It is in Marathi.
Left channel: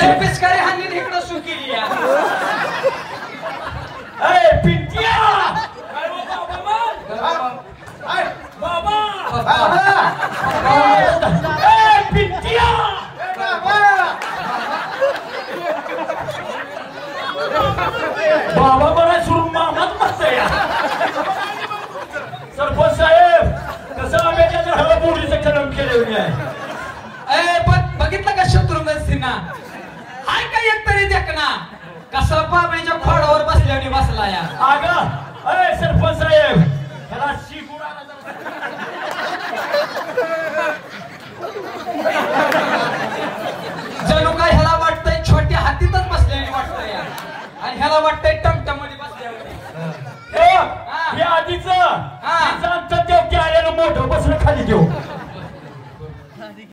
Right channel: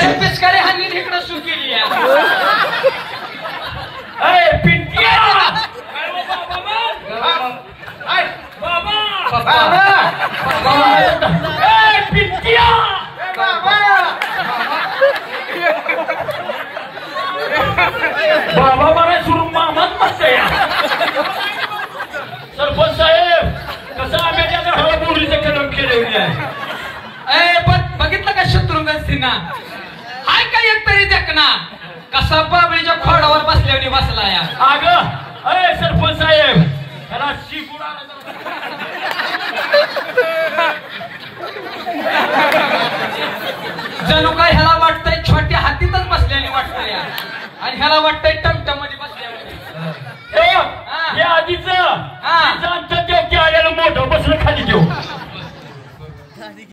त्याला पिचकारी हानी इकडे सुरू केली पिंटिया पिंटिया बाबा मला सुरू मामाच म्हणते या सरपंच साहेब कसं आंब्याच्या झाडाला बोरीचं कलम केलेली आहे. पण बघितलं का शत्रुघ्न सिन्हा हाय का एक तरी देखना कसा बाबळीच्या खोडावर बसल्याने बसला या. अगं सरपंच साहेब त्याला शिकुडा जणू काय ह्याला वाटतंय छोट्या हातीतच बसल्याने वाटतंय या आणि ह्याला वाटतंय टमटम मध्ये बसल्याने. हे आधीच देव की आल्याला मोठं बसलं खाली देऊ